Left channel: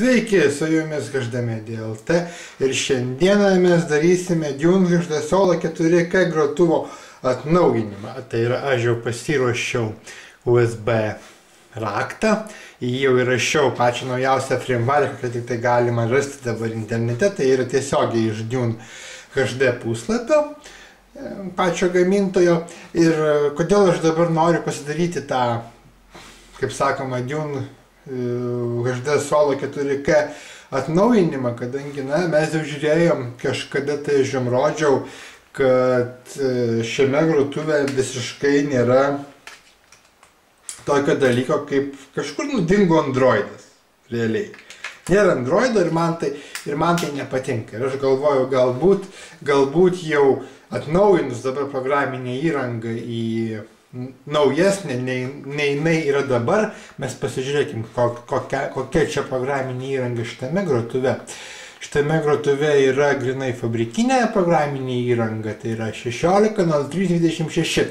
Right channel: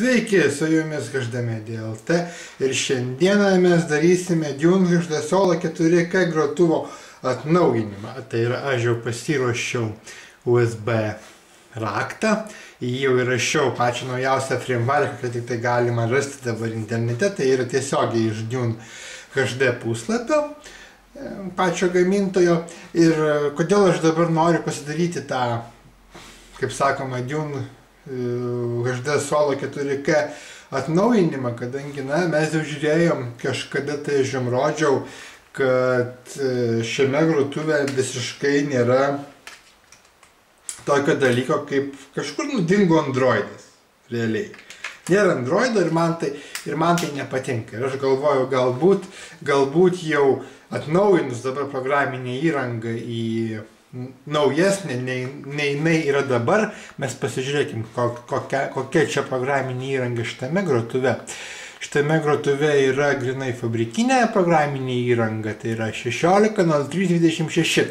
Sveiki, su jumis HDMedia LT ir šiandieną mes darysime Dune HD Solo 4K grotuvo atnaujinimą. Tai yra, aš jau pasiruošiau USB raktą, jį jau įrašiau pačią naujausią firmware, kad tik tai galima rasti dabar internete, tai yra tiesiogiai iš Dune HD puslapio pačio gamintojo. Ir kodėl aš dabar noriu pasidaryti tą, kaip sakoma, Dune HD Solo 4K atnaujinimą, kadangi mes jau žiūrėjom, kažkada tai aš jums rodžiau, kad šiame grotuve visiškai nėra tokio dalyko, kaip kažkur dingo Androidas, realiai. Nėra Androido ir man tai nepatinka. Ir aš galvoju, galbūt jau atnaujinus dabar programinę įrangą į naujesnė, nei jinai yra dabar, mes pasižiūrėkim, kokia čia programinė įranga šitame grotuve. Šitame grotuve yra grinai fabrikinė programinė įranga, tai yra 16.03.26,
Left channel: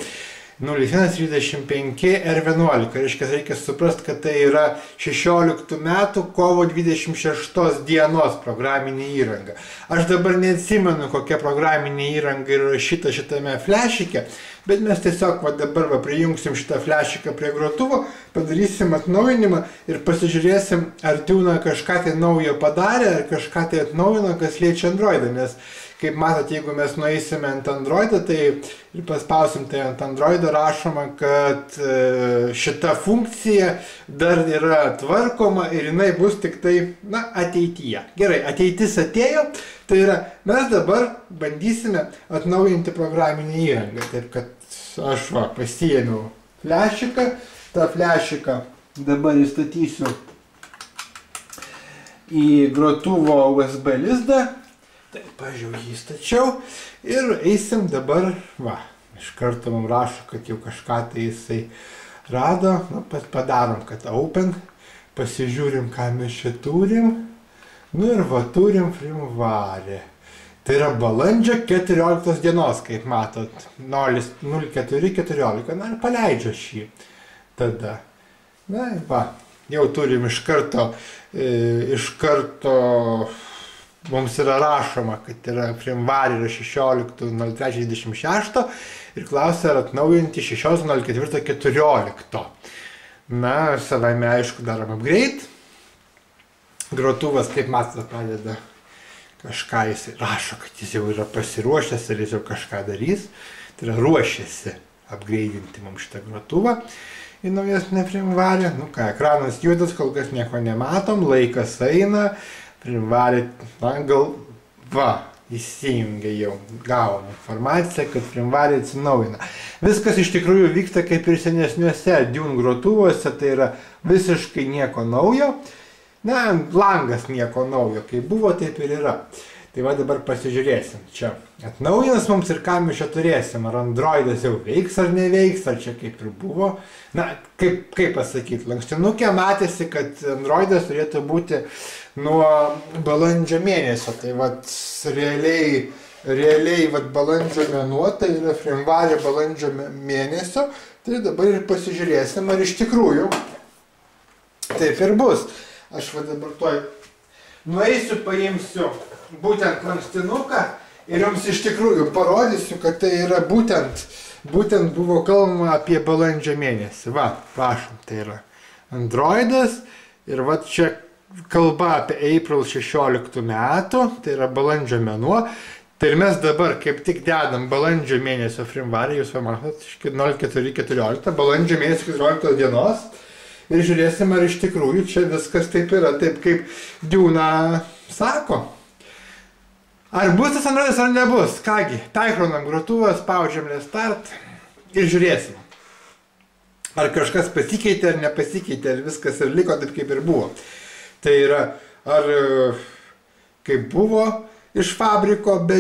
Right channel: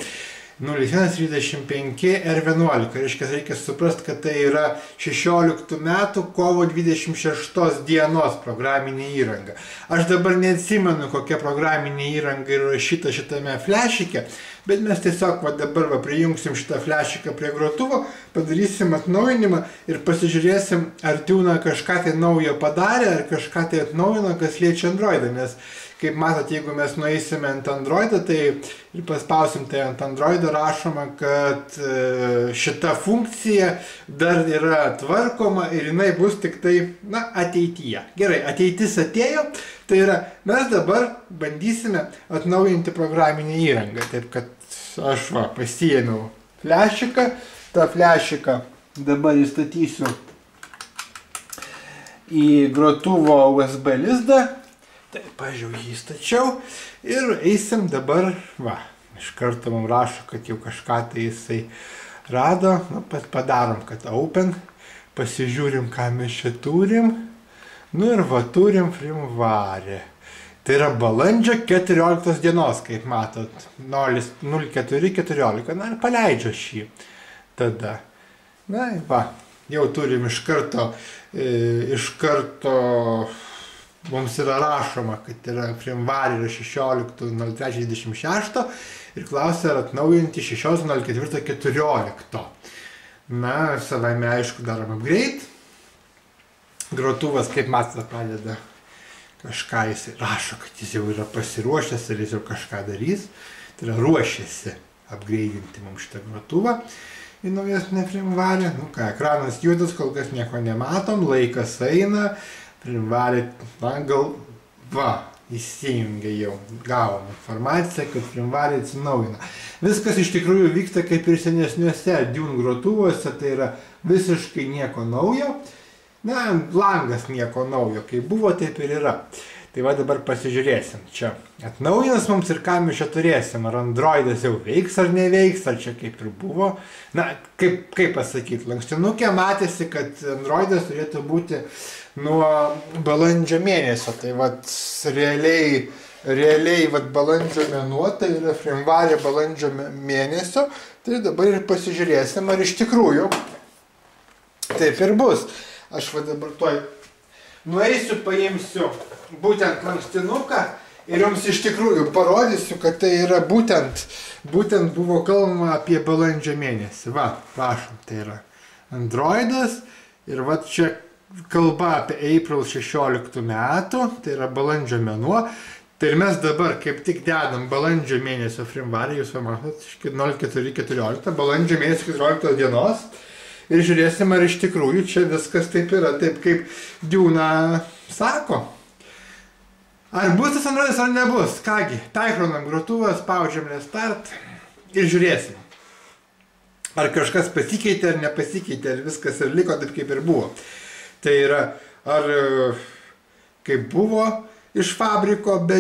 01.35 R11. Reiškia suprasti, kad tai yra 16 metų kovo 26 dienos programinė įranga. Aš dabar neatsimenu, kokia programinė įranga yra rašyta šitame flešike, bet mes tiesiog dabar prijungsim šitą flešiką prie grotuvo, padarysim atnaujinimą ir pasižiūrėsim, ar Dune kažką tai naujo padarė, ar kažką tai atnaujino, kas liečia Androidą. Nes, kaip matot, jeigu mes nueisime ant Androidą, tai ir paspausim tai ant Androido, rašoma, kad šita funkcija dar yra tvarkoma ir jinai bus tik tai, ateityje. Gerai, ateitis atėjo, tai yra, mes dabar bandysime atnaujinti programinę įrangą. Taip, kad aš pasiėmiau flešiką, tą flešiką dabar įstatysiu į grotuvo USB lizdą. Taip, aš jau jį stačiau ir eisim dabar, iš karto mums rašo, kad jau kažką tai jisai rado, padarom, kad open, pasižiūrim, ką mes čia turim, ir turim firmware. Tai yra balandžio 14 dienos, kaip matot, 04.14, ir paleidžia šį tada. Jau turim iš karto mums yra rašoma, kad yra firmware yra 16.03.26 ir klausia, ar atnaujinti 16.04.14. Savaime aišku darom upgrade. Grotuvas, kaip matote, pradeda kažką, jis rašo, kad jis jau yra pasiruošęs ir jis jau kažką darys. Tai yra ruošiasi upgrade'inti mums šitą grotuvą į naujesnę firmware. Ekranas juodas, kol kas nieko nematom, laikas eina. Firmware, įsijungia jau, gavom informaciją, kad firmware atsinaujina. Viskas iš tikrųjų vyksta kaip ir senesniuose Dune grotuvuose, tai yra visiškai nieko naujo. Langas nieko naujo, kaip buvo, taip ir yra. Tai dabar pasižiūrėsim. Čia atnaujins mums ir ką mes čia turėsim. Ar Androidas jau veiks ar neveiks, ar čia kaip ir buvo. Kaip pasakyti, lankstinukė matėsi, kad Androidas turėtų būti nuo balandžio mėnesio. Tai realiai balandžio mėnuo, tai yra firmware balandžio mėnesio. Tai dabar ir pasižiūrėsim, ar iš tikrųjų taip ir bus. Aš dabar tuoj nueisiu, paimsiu būtent lankstinuką ir jums iš tikrųjų parodysiu, kad tai yra būtent buvo kalbama apie balandžio mėnesį. Prašom, tai yra Androidas ir čia kalba apie April 16 metų, tai yra balandžio mėnuo. Tai ir mes dabar kaip tik dedam balandžio mėnesio firmware, jūs matot, 04.14, balandžio mėnesio 14 dienos. Ir žiūrėsim, ar iš tikrųjų čia viskas taip yra, taip kaip Dune sako. Ar bus tas Androidas ar nebus? Kągi, perkraunam grotuvą, spaudžiam restart ir žiūrėsim. Ar kažkas pasikeitė ar nepasikeitė, ar viskas ir liko taip kaip ir buvo. Tai yra, ar kaip buvo iš fabriko be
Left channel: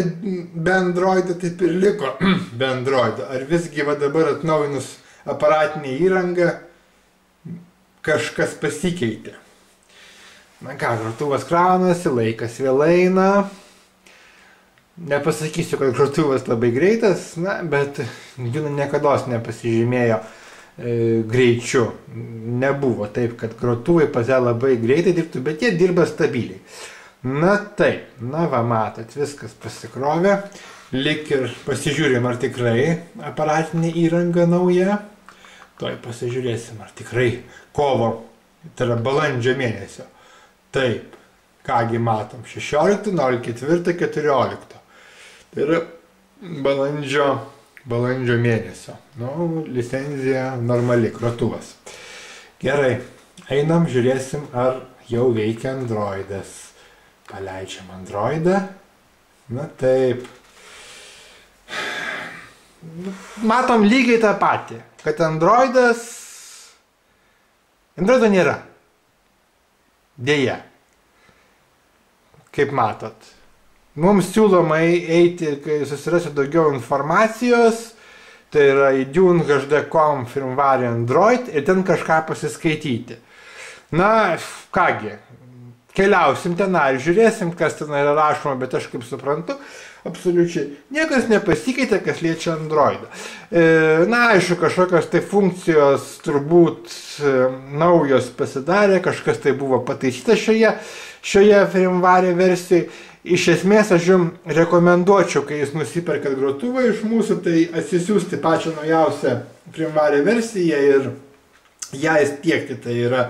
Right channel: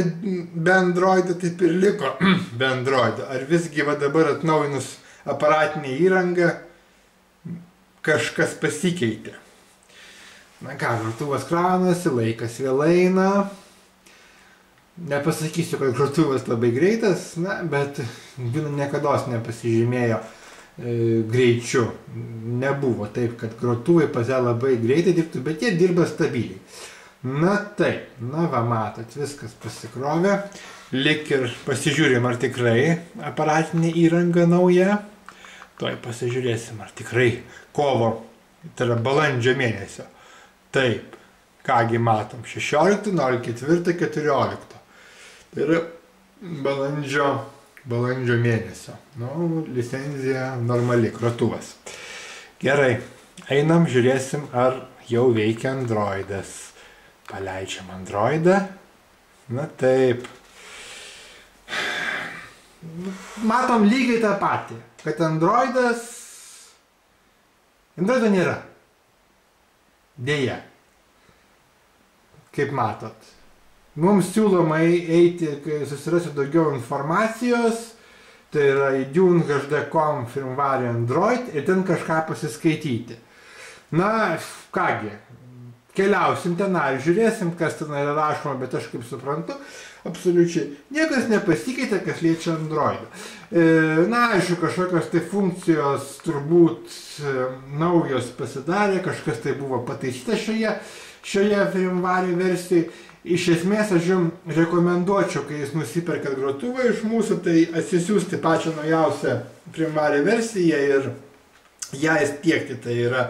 Androido, taip ir liko be Androido. Ar visgi dabar atnaujinus aparatinę įrangą kažkas pasikeitė. Grotuvas kraunasi, laikas vėl eina. Nepasakysiu, kad grotuvas labai greitas, bet Dune niekados nepasižymėjo greičiu. Nebuvo taip, kad grotuvai pas ją labai greitai dirbtų, bet jie dirba stabiliai. Na taip, na va matot, viskas pasikrovė, lik ir pasižiūrim, ar tikrai aparatinė įranga nauja. Tuoj pasižiūrėsim, ar tikrai kovo, tai yra balandžio mėnesio. Taip, kągi matom, 16, 04, 14. Tai yra balandžio mėnesio. Nu, licenzija normali, grotuvas. Gerai, einam, žiūrėsim, ar jau veikia Androidas. Paleidžiam Androidą. Na taip. Matom lygiai tą patį, kad Androido nėra. Deja. Kaip matot. Mums siūloma eiti, kai susirasiu daugiau informacijos, tai yra į DuneHD.com firmware Android ir ten kažką pasiskaityti. Na, kągi, keliausim ten ir žiūrėsim, kas ten yra rašoma, bet aš kaip suprantu, absoliučiai niekas nepasikeitė, kas liečia Androidą. Na, aišku, kažkokios tai funkcijos turbūt naujos pasidarė, kažkas tai buvo pataisyta šioje firmware versijoje. Iš esmės aš jums rekomenduočiau, kai jūs nusiperkat grotuvą iš mūsų, tai atsisiųsti pačią naujausią firmware versiją ir ją įstiekti. Tai yra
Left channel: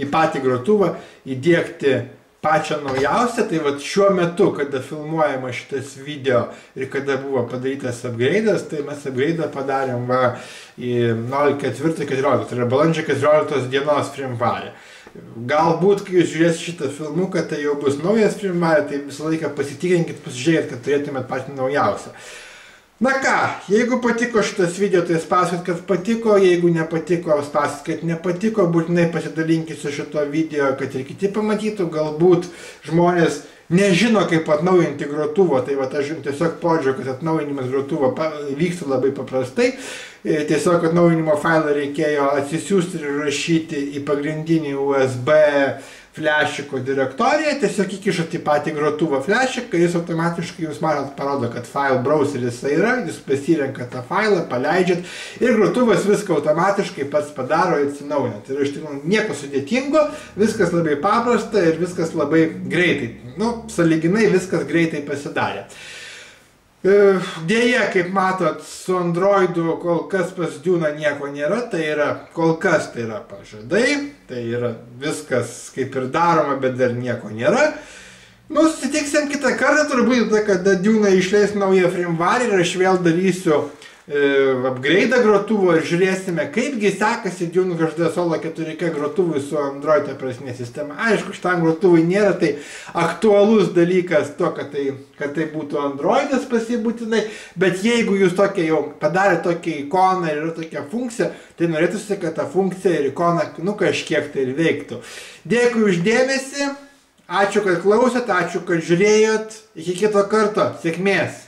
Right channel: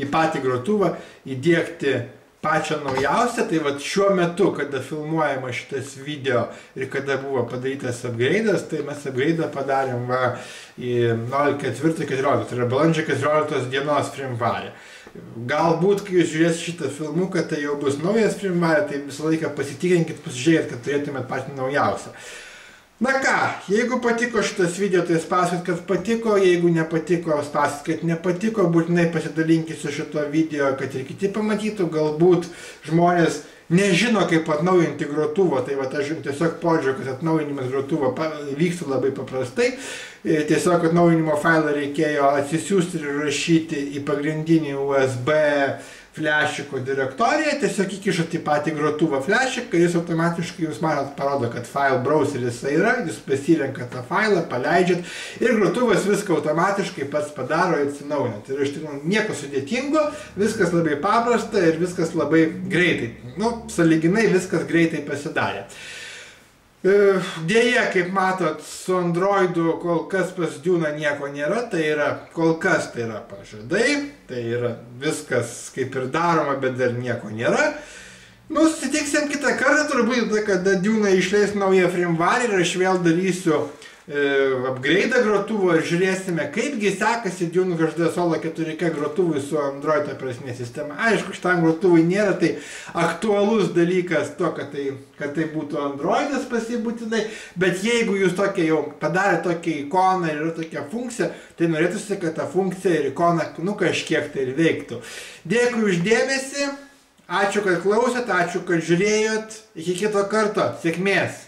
į patį grotuvą įdiegti pačią naujausią. Tai vat šiuo metu, kada filmuojama šitas video ir kada buvo padarytas upgrade'as, tai mes upgrade'ą padarėm į 04.14, tai yra balandžio 14 dienos firmware. Galbūt, kai jūs žiūrėsite šitą filmuką, tai jau bus naujas firmware, tai visą laiką pasitikrinkit, pasižiūrėkit, kad turėtumėt patį naujausią. Na ką, jeigu patiko šitas video, tai spauskit, kad patiko, jeigu nepatiko, spauskit, kad nepatiko, būtinai pasidalinkit su šito video, kad ir kiti pamatytų, galbūt žmonės nežino, kaip atnaujinti grotuvą, tai va aš jums tiesiog parodžiau, kad atnaujinimas grotuvo vyksta labai paprastai. Tiesiog atnaujinimo failą reikėjo atsisiųsti ir rašyti į pagrindinį USB flešiko direktoriją, tiesiog įkišat į patį grotuvą flešiką, jis automatiškai jūs matot parodo, kad file browseris yra, jūs pasirenkat tą failą, paleidžiat ir grotuvas viską automatiškai pats padaro ir atsinaujina. Tai yra iš tikrųjų nieko sudėtingo, viskas labai paprasta ir viskas labai greitai. Nu, sąlyginai viskas greitai pasidarė. Deja, kaip matot, su Androidu kol kas pas Dune nieko nėra, tai yra, kol kas tai yra pažadai, tai yra viskas kaip ir daroma, bet dar nieko nėra. Nu, susitiksim kitą kartą, turbūt, kada Dune išleis naują firmware ir aš vėl darysiu upgrade'ą grotuvo ir žiūrėsime, kaipgi sekasi DuneHD Solo 4K grotuvui su Android operacinė sistema. Aišku, šitam grotuvui nėra tai aktualus dalykas to, kad tai būtų Androidas pasibūtinai, bet jeigu jūs tokia jau padarė tokią ikoną ir yra tokia funkcija, tai norėtųsi, kad ta funkcija ir ikona kažkiek tai ir veiktų. Dėkui už dėmesį, ačiū, kad klausėt, ačiū, kad žiūrėjot, iki kito karto, sėkmės!